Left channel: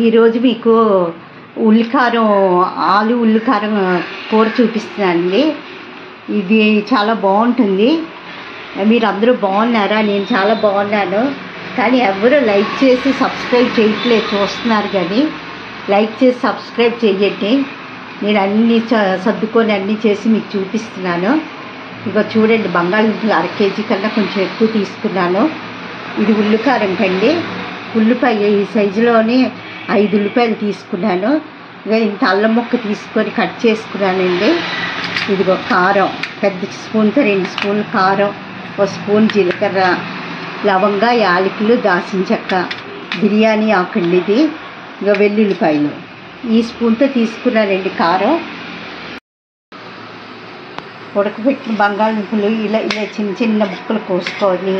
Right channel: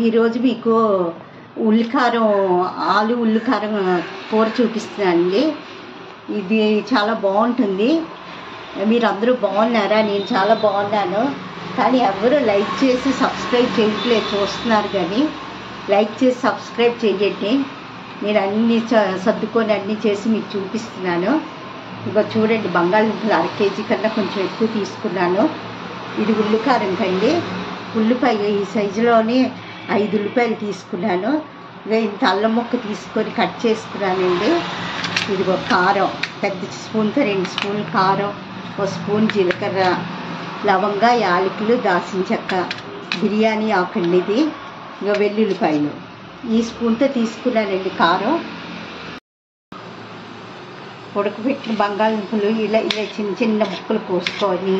ఈరోజు మీకు ఉల్లికారం ఆలు ఉల్లికారం కూర చూపిస్తున్నానండి. ఇది చాలా బాగుంటుంది. మీరు అందరూ బాగున్నారా? నేను చాలా బాగున్నాను. కానీ ఎవరు లైక్ చేసి సబ్స్క్రైబ్ చేయట్లేదు. చూస్తున్నారు కానీ లైక్ చేసి సబ్స్క్రైబ్ చేయండి. నేను అన్నీ సర్దుకొని అన్నీ చేసి మీకు చూపిస్తున్నాను. ఇక చూడండి, బంగాళదుంపలు 1/2 కేజీ కన్నా కొంచెం ఎక్కువ తీసుకున్నాను. ఇది ఉల్లికారం కండి. ఉల్లిపాయ ఈ సైజులోనే 5 ఉల్లిపాయలు తీసుకున్నాను. ఇక ఇంత అల్లం ముక్క తీసుకొని కట్ చేసుకున్నానండి. ఇదిగో కారం, పెద్ద స్పూన్తో 2 స్పూన్లు కారం, 1 స్పూన్ జీలకర్ర, లవంగ, యాలకులు, దాల్చిన చెక్క, బిర్యానీ ఆకండి. ఇది ఇక వెల్లుల్లిపాయలు ఈ స్పూన్తో తీసుకున్నానండి. కారం, ఉడకబెట్టిన బంగాళదుంపలు ఇలా ఇలా చిన్న చిన్న ముక్కలు కోసుకొని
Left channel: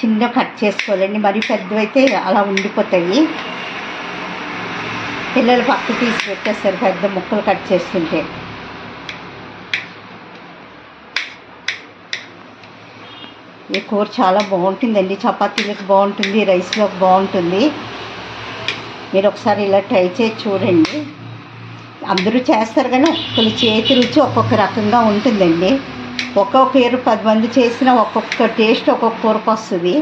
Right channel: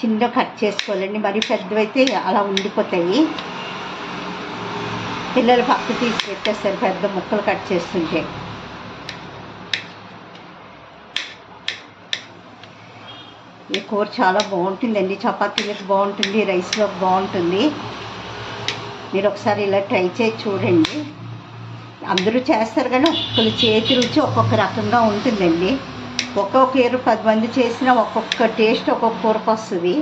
చిన్న కట్ చేసుకోవాలండి. మరి పెద్దవైతే అలా ఉండిపోతాయి. పిల్లలు పక్క తీసి పెట్టేస్తారు పెద్ద ముక్కలు కట్ చేస్తుంటే. ఈ కూర చాలా బాగుంటుందండి. చపాతీలకు బాగుంటుంది, రైస్లోకి బాగుంటుంది. మీరు ఒకసారి ఇలా ట్రై చేసి చూడండి. అందరూ చేస్తారు కానీ ఒక్కొక్కరి చేతి రుచి ఒక్కొక్క రకంగా ఉంటుందండి. ఒక్కొక్క 10 మంది చేసినా ఒక్కొక్క టేస్ట్ ఒక్కొక్క కూరకు వస్తుంది.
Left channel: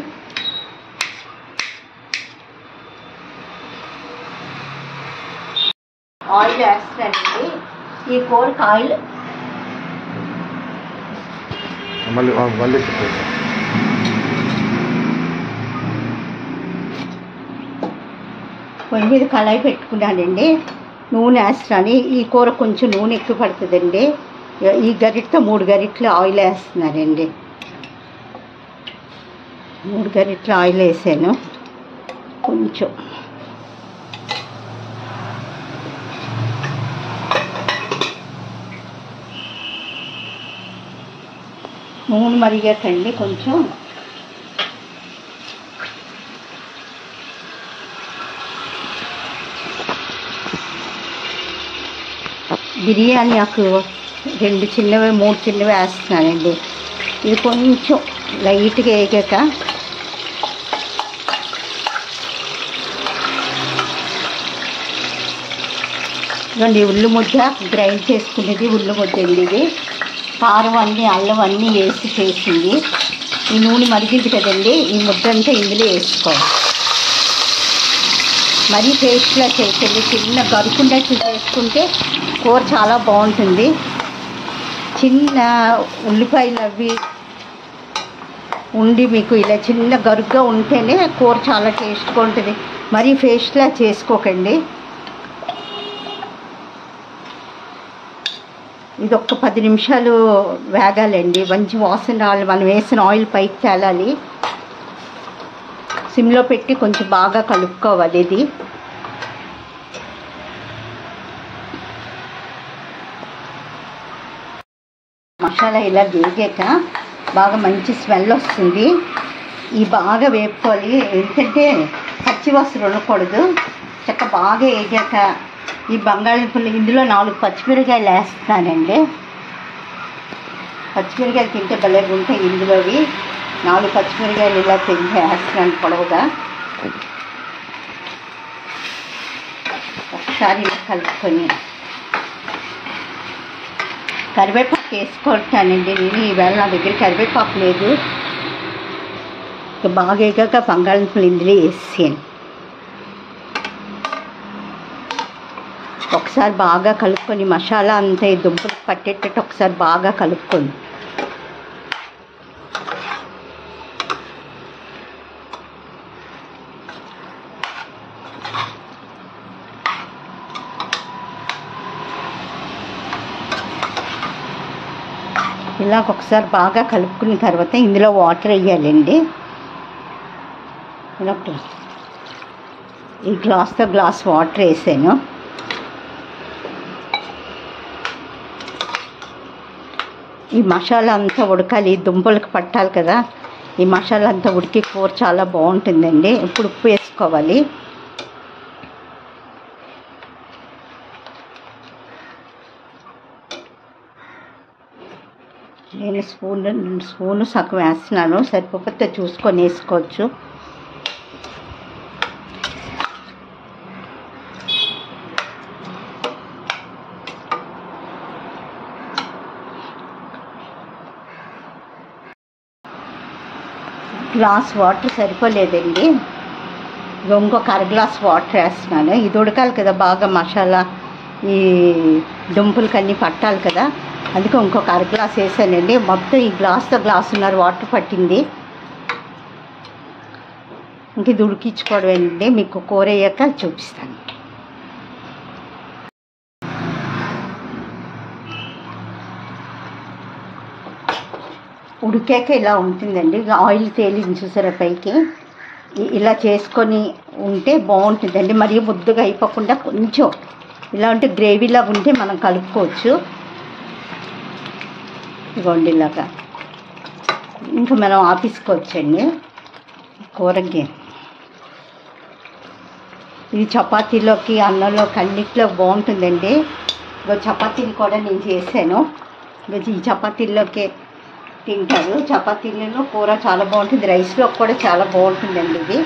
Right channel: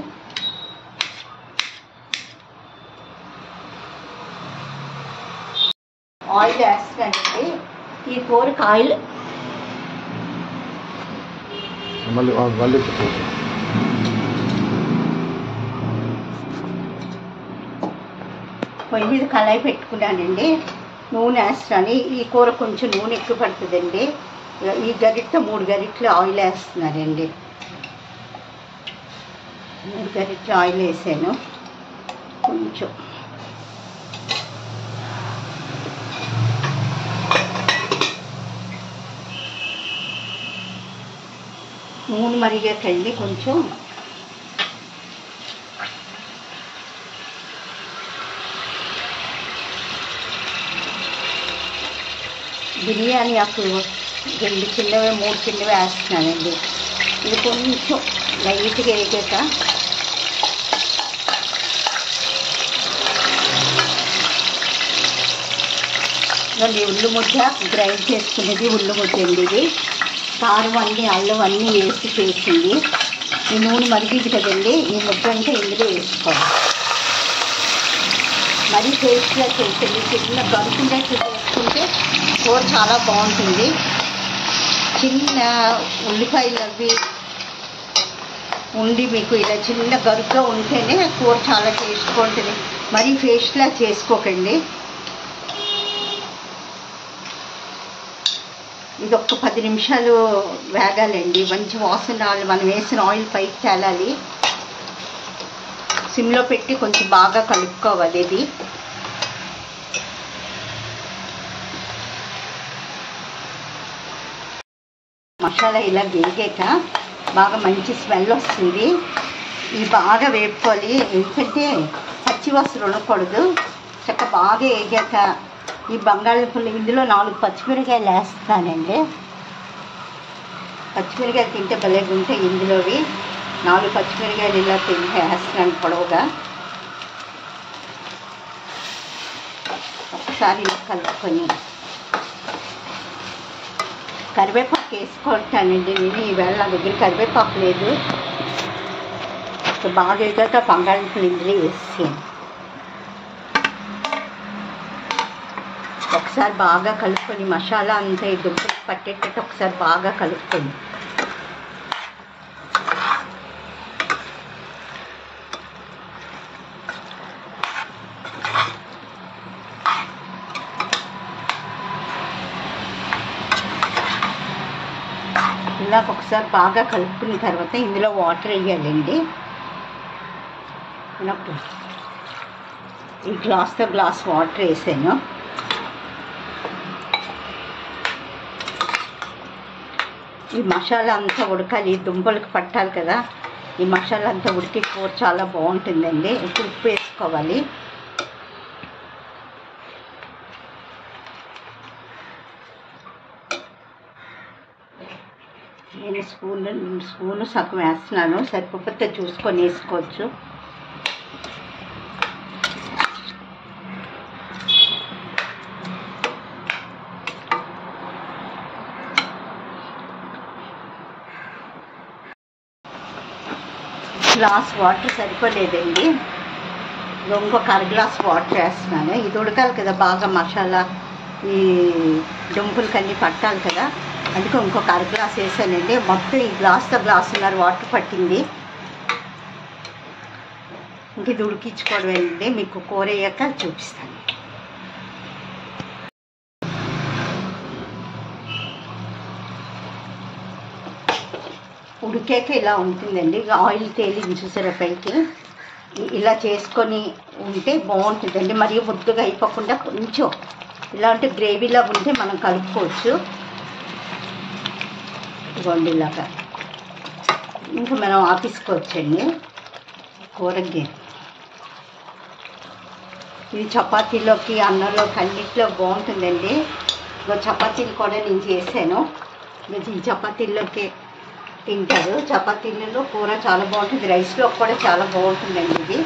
ఆయిల్ వేస్తానండి. ఈ కూరకు ఆయిల్ పొయ్యి మీద కళాయి పెట్టుకున్నానండి. నూనె వేస్తాను. ఈ కూర కొంచెం నూనె ఎక్కువ పడుతుందండి. ఈ గరిటతో 3 గరిటెలు ఆయిల్ వేస్తున్నానండి. 3 గరిటెలు ఆయిల్ వేసాను. కొంచెం నూనె మరిగాకండి. కొంచెం బిర్యానీ ఆకు 2 చిన్నవి 3 చిన్నవి వేస్తున్నానండి. ఇది కొంచెం లైట్గా వేగాక ఇదండి ఉల్లి ముద్ద గ్రైండ్ చేసుకునేది ఉల్లి ముద్ద అండి. ఇది కారం అన్నీ అల్లం అన్నీ వేసి చేసింది. ఈ నూనె మరిగింది కదండి, ఈ ముద్ద అంతా ఇందులో వేసుకోవాలి. మరీ టేస్ట్లా చేసేది చిన్న గరుకుండా చేసుకుంటే కూర చాలా బాగుంటుంది. చిన్న ఉల్లిపాయలు అవి ఉండి మీకు ఇలా చిన్న గరుగ్గా ఉంటేనే కూర చాలా టేస్ట్గా ఉంటుంది. మరీ పేస్ట్లా చేసుకోకండి. ఇది ఒక్క 10 నిమిషాలు వేగాలండి. మంచి వాసన రావాలి. మనం వేసిన ఆయిల్ పైకి తేలాలి. సిమ్లో పెట్టి కొంచెం బాగా కలుపుకోవాలి. ఇది మసాలా ఇలా వేగాక బాగా మంచి స్మెల్ వస్తుంది. ఇది బాగా వేపుకోవాలి. ఎందుకంటే పచ్చి వాసన ఉండకూడదు. చక్క బాగా వేగాక ఈ బంగాళదుంపలు ఇందులో 4 పచ్చిమిరకాయలు వేస్తానండి. పచ్చిమిరకాయలు తింటే భలేగా ఉంటాయి. ఇందులోవి 4 పచ్చిమిరకాయలు ఇలా తింటే వేస్తున్నాను పొడవుగా. ఒకసారి ఇలా కలుపుకొని కరివేపాకు వేసుకుంటానండి. నేను ఈవేళ నా దగ్గర కరివేపాకు లేదు. బాగా వేగాక బంగాళదుంపలు ఇందులో వేసాను. ఒకసారి బాగా కలుపుకొని మసాలా అంతా ఈ దుంపలు పట్టేటట్టు ఒకసారి బాగా కలుపుకొని ఇలా ఒకసారి బాగా కలుపుకున్న తర్వాత ఇందులో వాటర్ వేయాలండి. ఈ గ్లాస్తో గ్లాస్ వాటర్ వేసాను. ఈ మసాలా అంతా ఉడకాలి. దుంపలకు పట్టాలి కదా. ఈ మసాలా అంతా ఉడికి కూర చాలా బాగుంటుందండి. ఇప్పుడు ఉప్పు వేసుకోవాలి. నేను స్పూను సగం వేస్తున్నాను, సరిపోతే చూసుకొని వేసుకోవచ్చు. గ్లాస్ వాటర్ సరిపోలేదండి, ఇంకొక అర గ్లాస్ వాటర్ వేస్తున్నాను. ఇది ఉడకాలి కదా బాగా, మసాలా ఈ దుంపులకి అన్నీ పట్టాలి కదా, అందుకే ఇంకొక అర గ్లాస్ వేసానండి. మొత్తం ఈ గ్లాసున్నర వాటర్ పట్టింది. ఇంక ఇది ఉడికించుకోవడం, మీకు కూర అయ్యాక చూపిస్తాను. ఉడికాక ఇలా ఉంటుందండి, ఆయిల్ తేలింది చూసారా పైకి. ఇలా చేసుకొని ఉంటే బాగుంటుందండి. మరీ ముద్దుగా అయిపోకుండా కొంచెం ఇలా ఉంటే గ్రేవీలా ఉంటే మనం కలుపుకోవచ్చు. ఇదిగోండి ఇలాగా ఇంకా మనం ఆపేసుకోవచ్చండి కూరకి. ఇది చపాతీలోకి, అన్నంలోకి అన్నిట్లో బాగుంటుందండి. చపాతీలు కూడా నేను చేశాను, ఈ చపాతీల్లోకి తింటారు. చపాతీలలో కూర చాలా బాగుంటుంది, రైస్లో కూడా చాలా బాగుంటుందండి ఇది.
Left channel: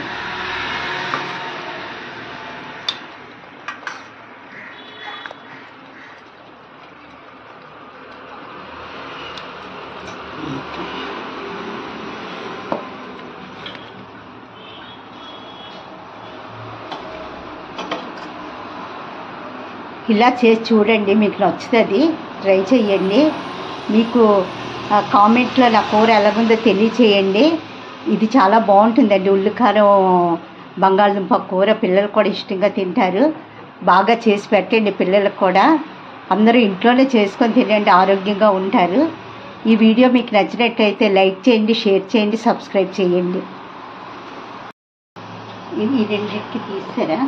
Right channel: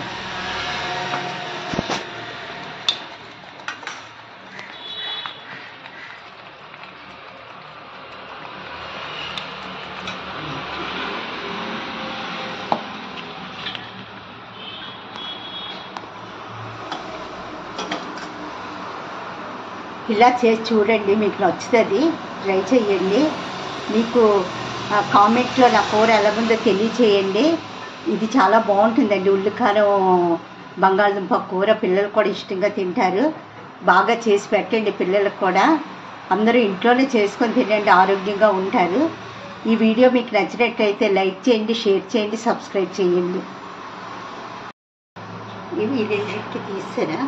ఇలా చేసి చూడండి, మీకు నచ్చుతుంది, ట్రై చేయండి. మీకు కామెంట్లో నా కూర ఎలాగుందో తెలియచేయండి. ఇది చాలా బాగుంటుందండి, ఉల్లికారం బంగాళదుంప కూర. పిల్లలు కూడా ఇష్టంగా తింటారు. బాగా చేసి పెట్టండి పిల్లలకు కూడా. అందరూ ఇంట్లోనే చేసుకొని తినండి, ఆరోగ్యంగా ఉంటారు. ఈ వీడియో మీకు నచ్చినట్లయితే లైక్ చేయండి, షేర్ చేయండి, సబ్స్క్రైబ్ చేయండి. ఇది రెండింటికి తీసారా?